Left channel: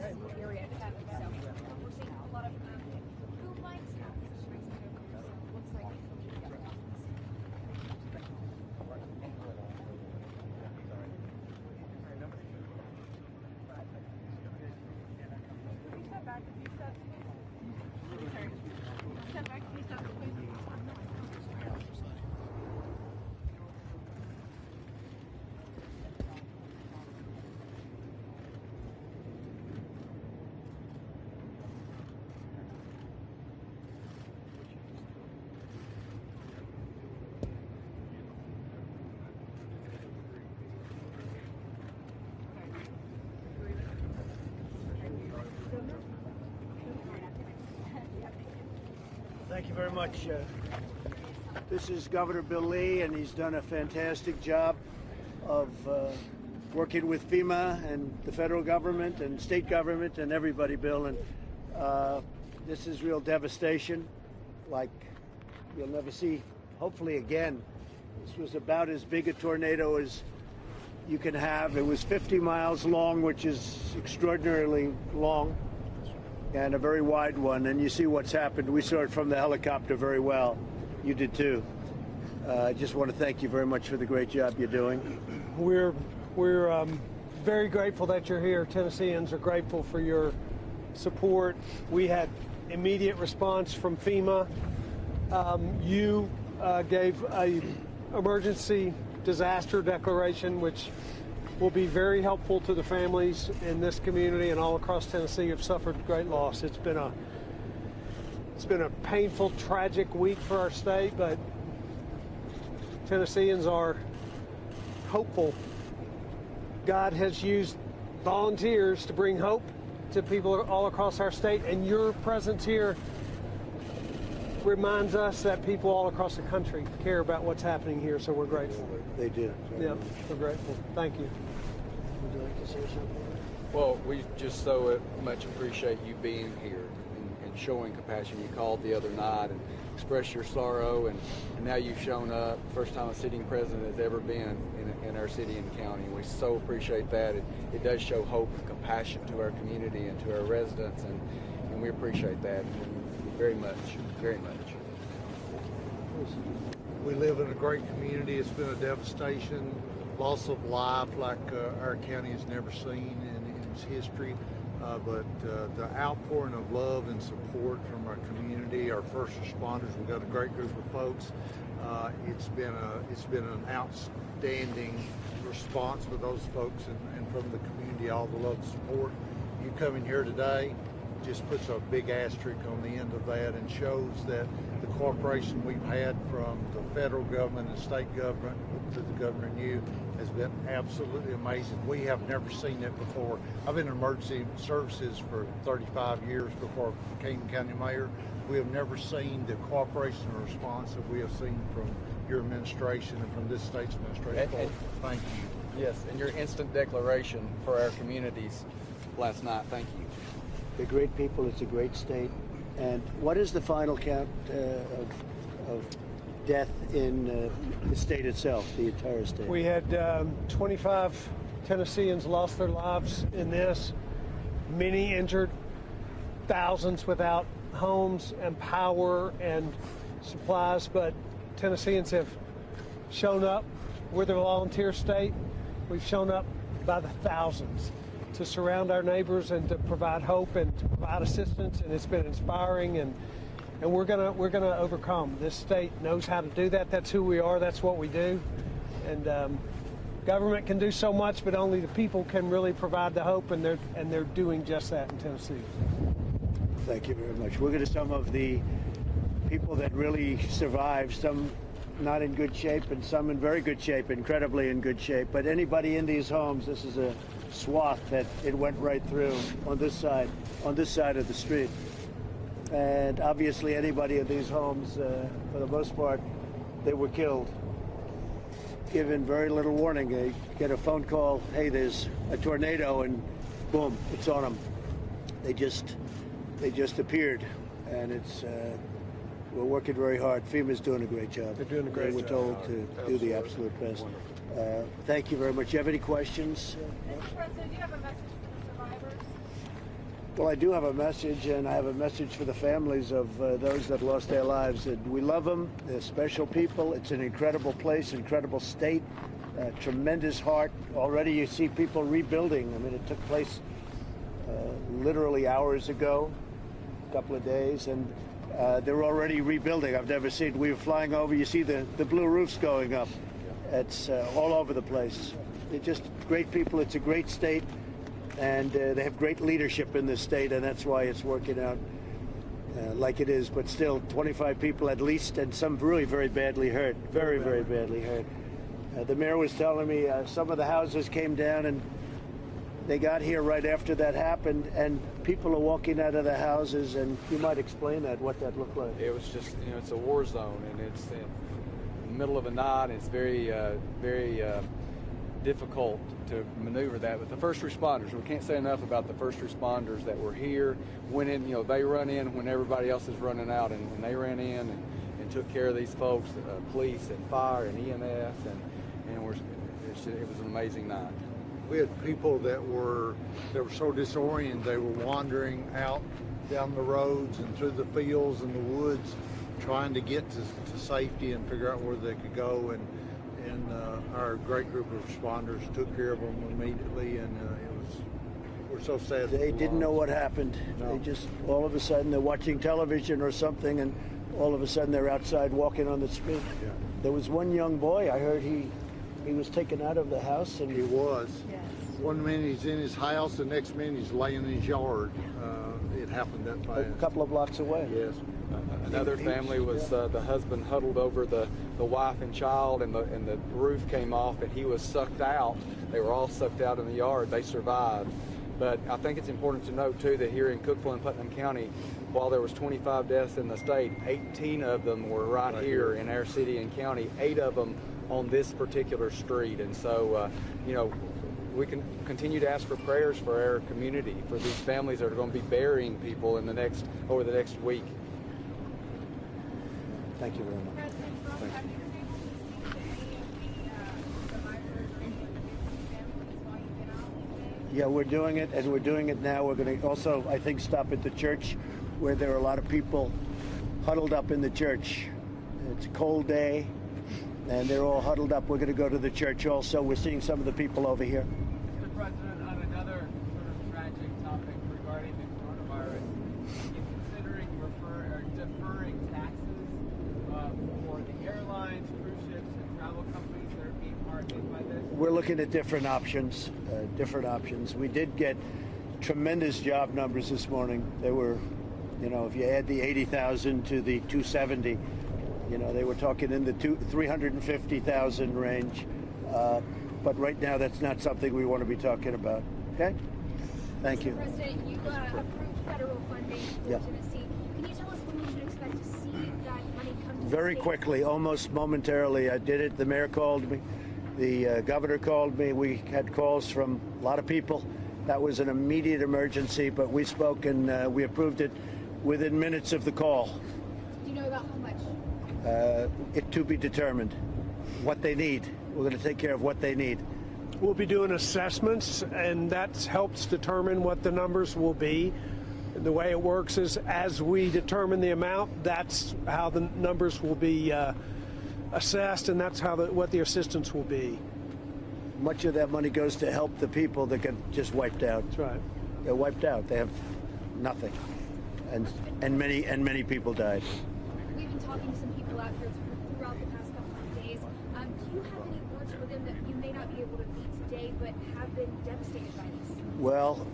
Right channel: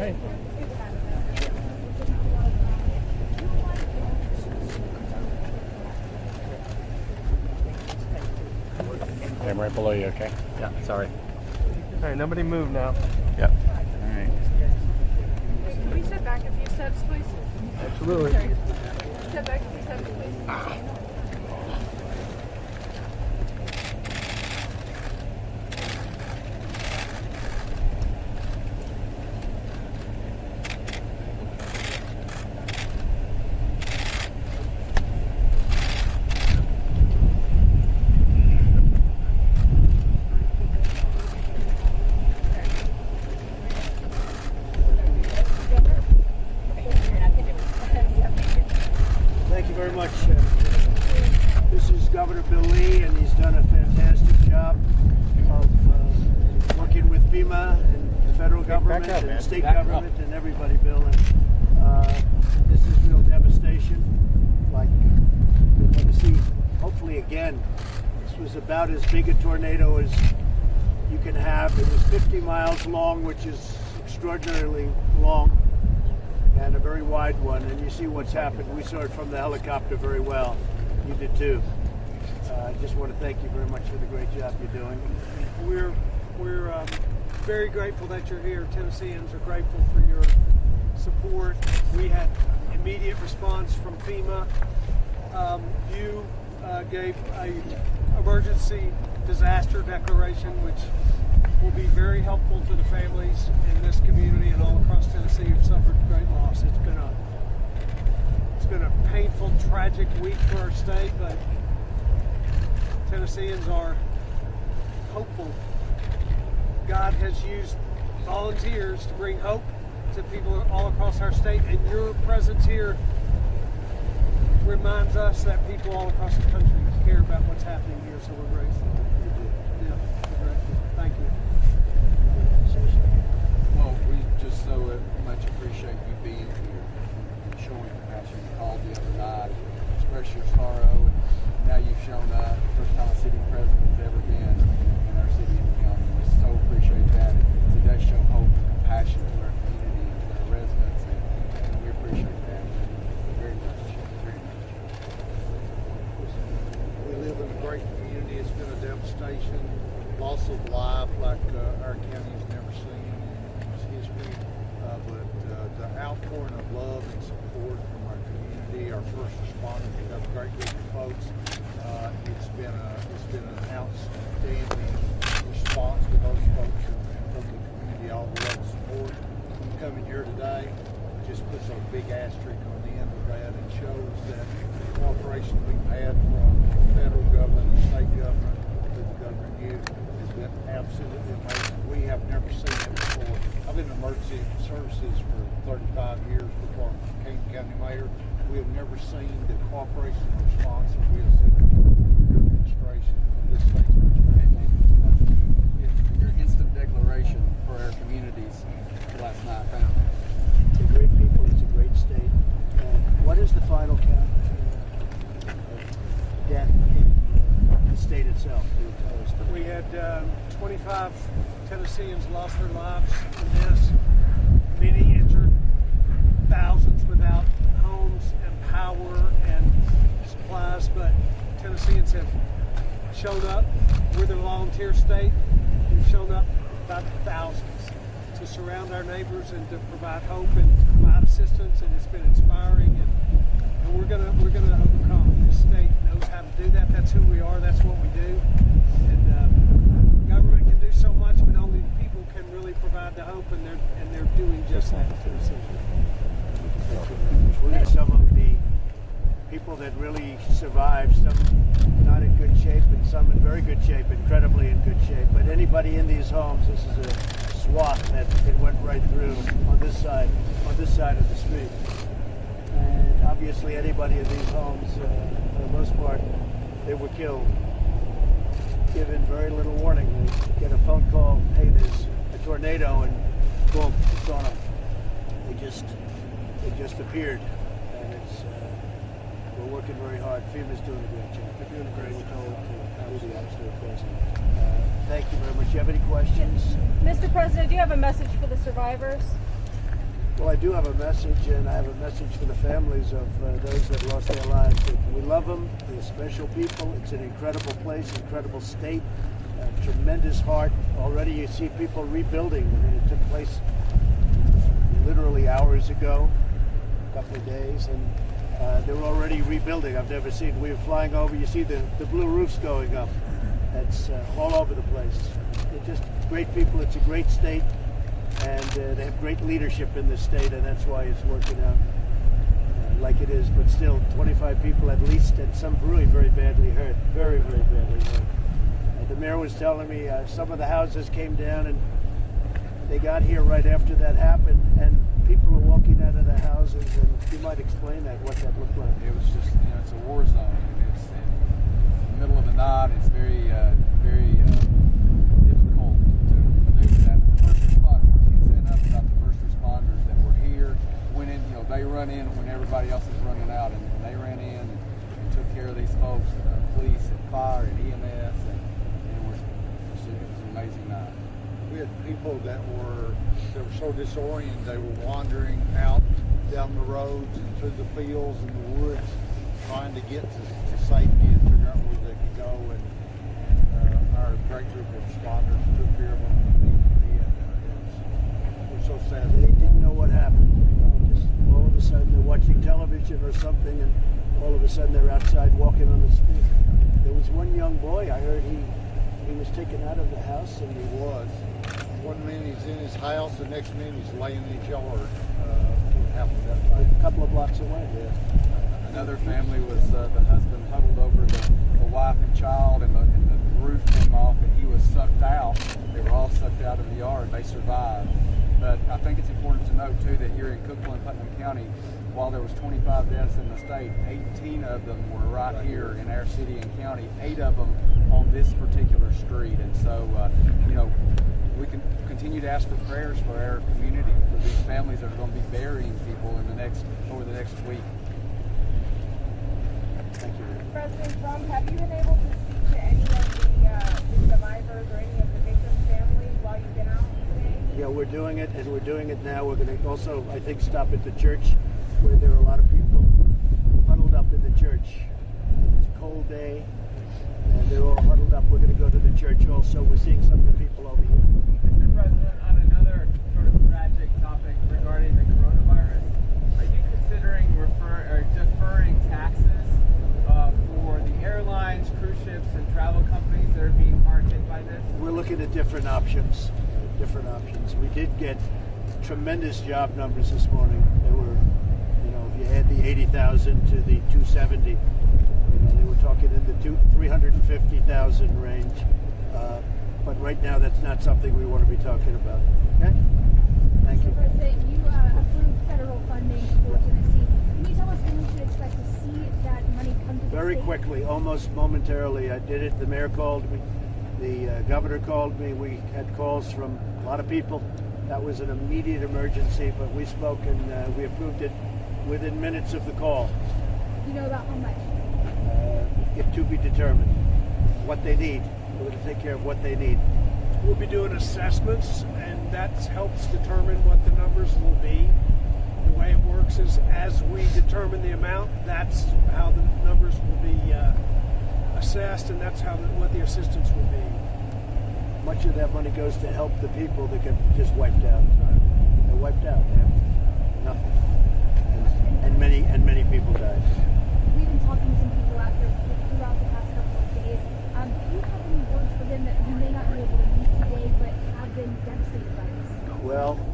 Hey. I'm right below you, okay? Yeah, sorry. All right, nobody move now. Yep. All right. Can we step back a few steps, please? Absolutely. Sorry. Step back a few steps, please. Thank you very much. This is Governor Bill Lee, and he's done a fantastic job of working with FEMA and the federal government and state government and everybody, Bill. And this is real devastation, like you'll never see, hopefully again. This was about as big a tornado as you can have. It was 50 miles long, which is extraordinarily long, and a very wide one. And you see what's happened. We saw it from the helicopter very well. You did too. I just want to thank you very much for the great job you're doing. We're very grateful that you're here. Tennesseans are grateful for your support. We had immediate response from FEMA. You gave a emergency disaster declaration, which will be very helpful to the families in this community and all across Tennessee who've suffered great loss. It's been a painful, tragic week for our state, but Tennesseans are hopeful. God has used volunteers to bring hope to people all across our state, and your presence here reminds us that people all across the country care about what's happening here, so we're grateful. They did. Yeah, we're grateful. Thank you. Well, we just so much appreciate you being here and showing compassion. You called the other night and expressed your sorrow, and now you've shown up. First time a sitting president has ever been in our city and county. We so appreciate that. It does show hope and compassion to our community and to our residents, and we appreciate that very much, very much. We live in a great community. It's been a devastation, loss of life like our county has never seen in its history. But the outpouring of love and support from our community, our first responders, we've got a great group of folks. It's been an outstanding response for those folks and from the community, all the love and support. You coming here today just puts a big asterisk on the end of that and shows that the cooperation we've had from the federal government and state government to the governor and you has been absolutely amazing. We have never seen that before. I've been in emergency services for 35 years before I became county mayor. We have never seen the cooperation and response that we have seen from your administration and from this state's administration. Thank you. Yes, and your instant declaration for our communities last night. Thank you. They're great people. It's a great state. And what is the final count of death in the state itself, the entire state? We had 25 Tennesseans lost their lives in this, many injured, thousands without homes and power and supplies, but Tennesseans have shown up. We're the volunteer state. We've shown up by the thousands to surround our neighbors and to provide hope and to provide assistance, and it's been inspiring, and we're gonna overcome. This state knows how to do that. That's who we are. That's what we do. And government can do so much, but only the people can really provide the hope, and they're doing just that in Tennessee. Thank you very much. We're going to some of the people that really survived, some not in good shape and some in very good shape, incredibly in good shape. But anybody in these homes, this is a swath that it went right through on this side of the street. And obviously anybody in these homes, for the most part, they were killed, given very little warning. They get a phone call, hey, there's a tornado, and boom, it's on them. They just appeared, and we're working very hard. FEMA's doing a great job. They're doing a great We're job. told to do the absolute best. Thank you very much. You have any questions? Mr. President, do you have a message for the survivors? Well, I do have a message, and I have a message for the families of those that lost their lives. We love them. They're special people. It's an incredible place, incredible state, tremendous heart. Already you see people rebuilding. I mean, it took place literally hours ago, a couple of days, and they're already rebuilding. I've never seen, we were flying over, you see the blue roofs going up. It's all over the place. They're just great people. It's a great state. And they have great leadership in this state, and that's why it's working out like it is. But still, 25 people at least, and some really very badly hurt. Very, very badly hurt. The mayor was telling me some of the houses came down, and they got here right after that happened, and people are walking out of the houses, and you might explain that, what that looked like. It was just, it's a war zone, and it's in the middle of the night. It's very, very difficult to maneuver that. But the first responders, we can't say enough about the first responders that were here, went in, they run in when everybody else is running out, and they ran in and took care of these folks, police and fire and EMS, and it was an amazing night. We had people that were so disoriented, they were wandering out down the roads and through the fields and the woods, trying to get to safety and figure out where they could go. And our great group of responders took care of them immediately, and we're so sad. They didn't know what happened. They just, all of a sudden, they're watching television or something, and all of a sudden they're outside walking on the street. Yeah. There was one young boy, I heard he was taken out of the house. And He was. One minute he's in his house, the next minute he's laying in his yard. It happened that fast. a couple of blocks away. Yes. Another family was the husband huddled over the wife and child, and the roof came off, and he was sucked out. They were all sucked out of the yard. They survived. But I think it's important to note too that here in Cookeville and Putnam County, while there was 25 deaths in the state, 18 of them were right here in our city and county. 8 of them on this particular street, and so we can continue to ask for prayers for our community, for these families that are going to be burying people over the next week. Thank you, Ram. President Trump, have you been able to speak to any of the survivors or any of the victims' families while you've been out today? Yeah, we're doing it, and we're doing it now. We're going to also, I think, stop at the church where there are a lot of people huddled up in the church. It's a cold day, and they're all huddled up. We're going to go to the church also. We're seeing some of the people over here. Mr. President, on another sort of tragic topic regarding the coronavirus, are you considering deferring taxes for the airlines, cruise ships, and travel companies that are being hard hit by this? We're looking at different options. We did get tremendous job numbers this morning. They were, if you add the 80,000 to the 270, they were talking in the 350,000 range. But right now, that's not something we want to be talking about. Okay? Thank you. Mr. President, you approved federal funding for Tennessee. Can you tell us when we should expect to see that money come to the Very state? quickly, almost momentarily. I did it. The mayor called me. The governor called me. We had calls from a lot of people. That was an immediate emergency, but we spoke and we approved it within minutes of the call. You know about how much? It to be determined. What they need. We're going to take care of what they need. We'll be doing assessments, and that helps determine what the numbers will be. The way it works is as we determine the amount, that's how the numbers will be assessed, and that's how what the assistance will be. Much of that money goes to help the people that get just wiped out. That's right. They're wiped out. They have nothing, and many people died. We've been talking to some people out here throughout the past couple of days. Do you have any words for them that you may not be able to meet today, but have been devastated by this? Well,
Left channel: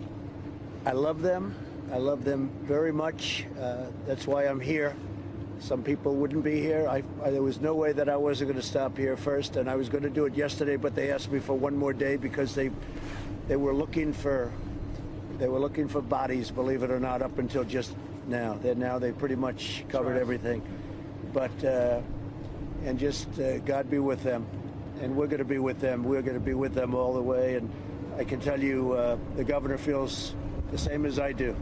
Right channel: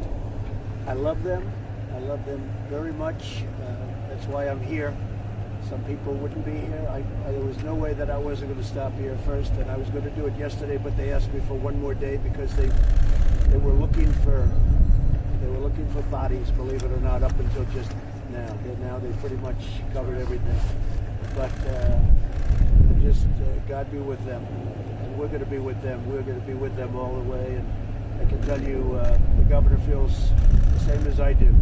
I love them. I love them very much. That's why I'm here. Some people wouldn't be here. There was no way that I wasn't going to stop here first, and I was going to do it yesterday, but they asked me for one more day because they were looking for bodies, believe it or not, up until just now. They pretty much covered everything. But and just God be with them, and we're going to be with them. We're going to be with them all the way, and I can tell you the governor feels the same as I do.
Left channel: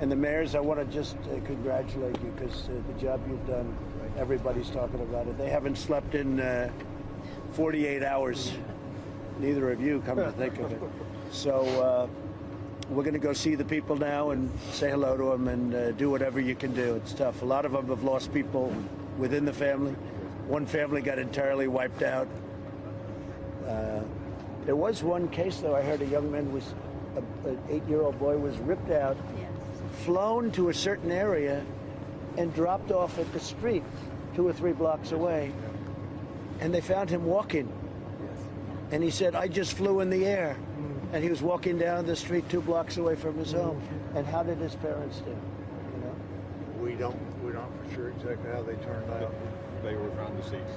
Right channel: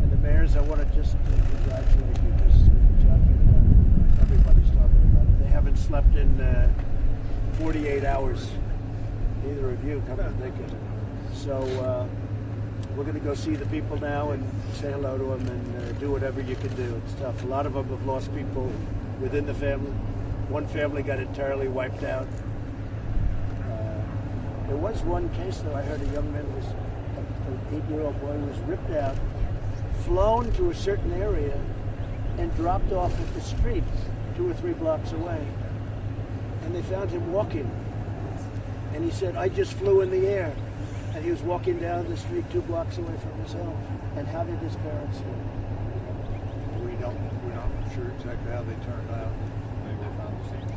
And the mayors, I want to just congratulate you because the job you've done, everybody's talking about it. They haven't slept in 48 hours. Neither of you, come to think of it. So we're going to go see the people now and say hello to them and do whatever you can do. It's tough. A lot of them have lost people within the family. One family got entirely wiped out. There was one case, though, I heard a young man was, an 8-year-old boy was ripped out, flown to a certain area, and dropped off at the street 2 or 3 blocks away. And they found him walking. And he said, I just flew in the air. And he was walking down the street 2 blocks away from his home. And how did his parents do? We're not sure exactly how they turned out. They were found deceased.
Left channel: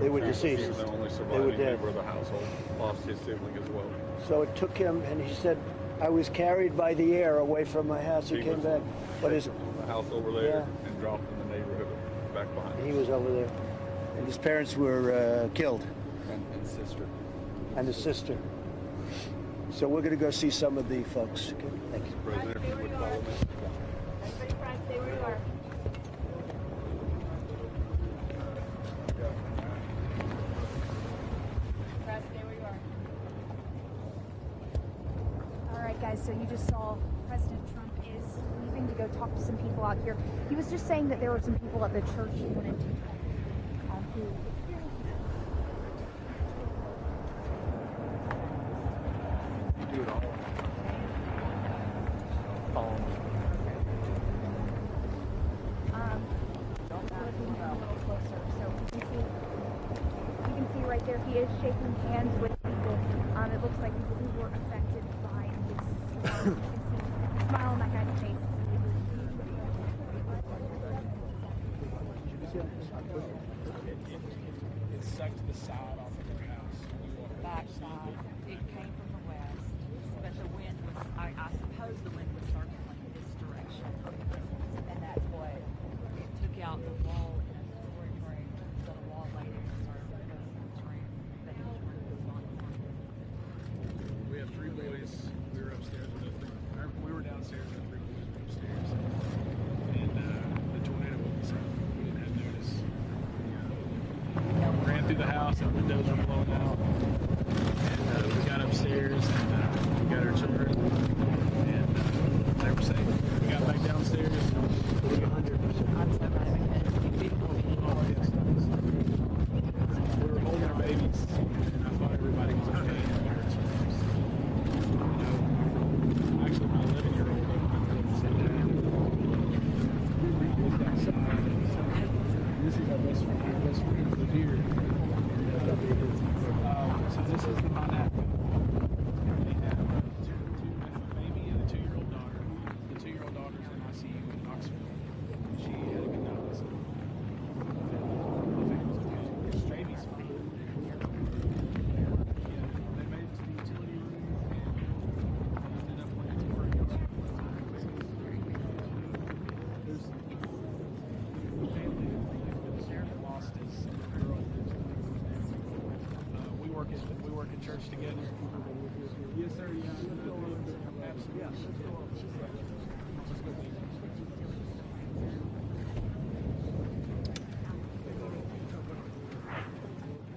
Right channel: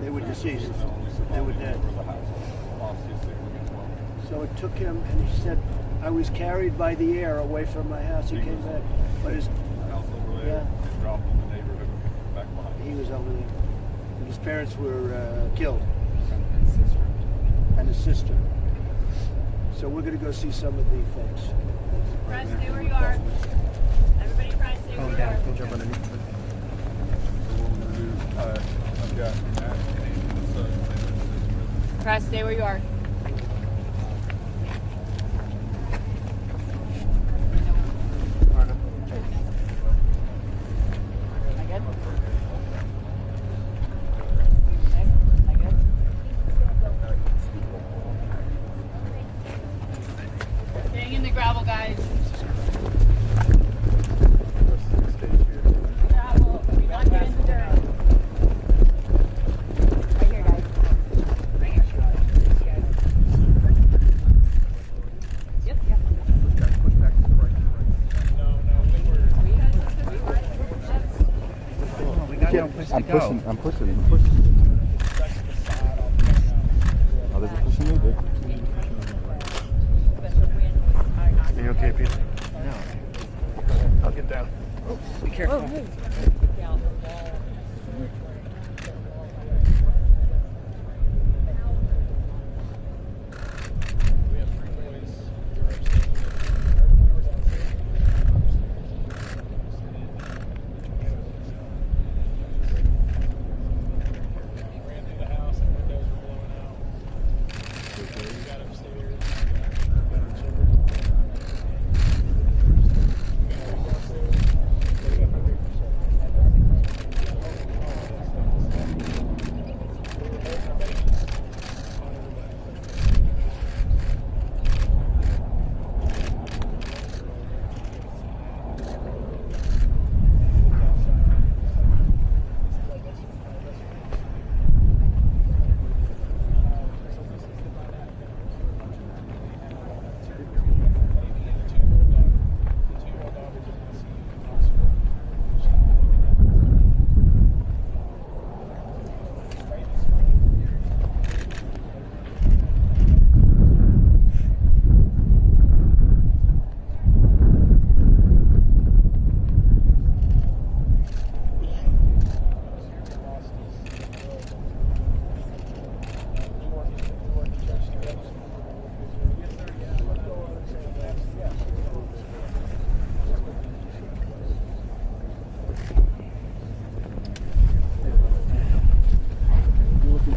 They were deceased. He was the only They were surviving dead. member of the household. Lost his sibling as well. So it took him, and he said, I was carried by the air away from my house. He came back. But his House over there and dropped in the neighborhood back behind. he was over there. And his parents were killed. And sister. And his sister. So we're going to go see some of the folks. Thank you. Press, stay where you are. Everybody press, stay where you are. I've got Press, stay where you are. All right, guys. So you just saw President Trump. And we go talk to some people out here. He was just saying that there were some people at the church. Staying in the gravel, guys. Not get in the dirt. Right here, guys. Right there, the education and the people. It looks like people were affected by it. Yep. Smile on that guy's face. I'm pushing. Oh, they're pushing me, dude. Are you okay, Peter? No. I'll get down. Be careful. We have 3 boys. We were upstairs. We were downstairs. And the tornado was we didn't have notice. We ran through the house. Our windows were blowing out. We got upstairs. And, we got our children. And they were safe. We got back downstairs. 100%. They were holding our babies. I thought everybody was okay. Actually, my 11-year-old this is our best friend. Our best friend is here. So this is the pineapple. They have two baby and a 2-year-old daughter. The 2-year-old daughter is in ICU in Knoxville. She had a good baby's fine. We work at church together. Yes, sir. Yeah. Yes. You're looking.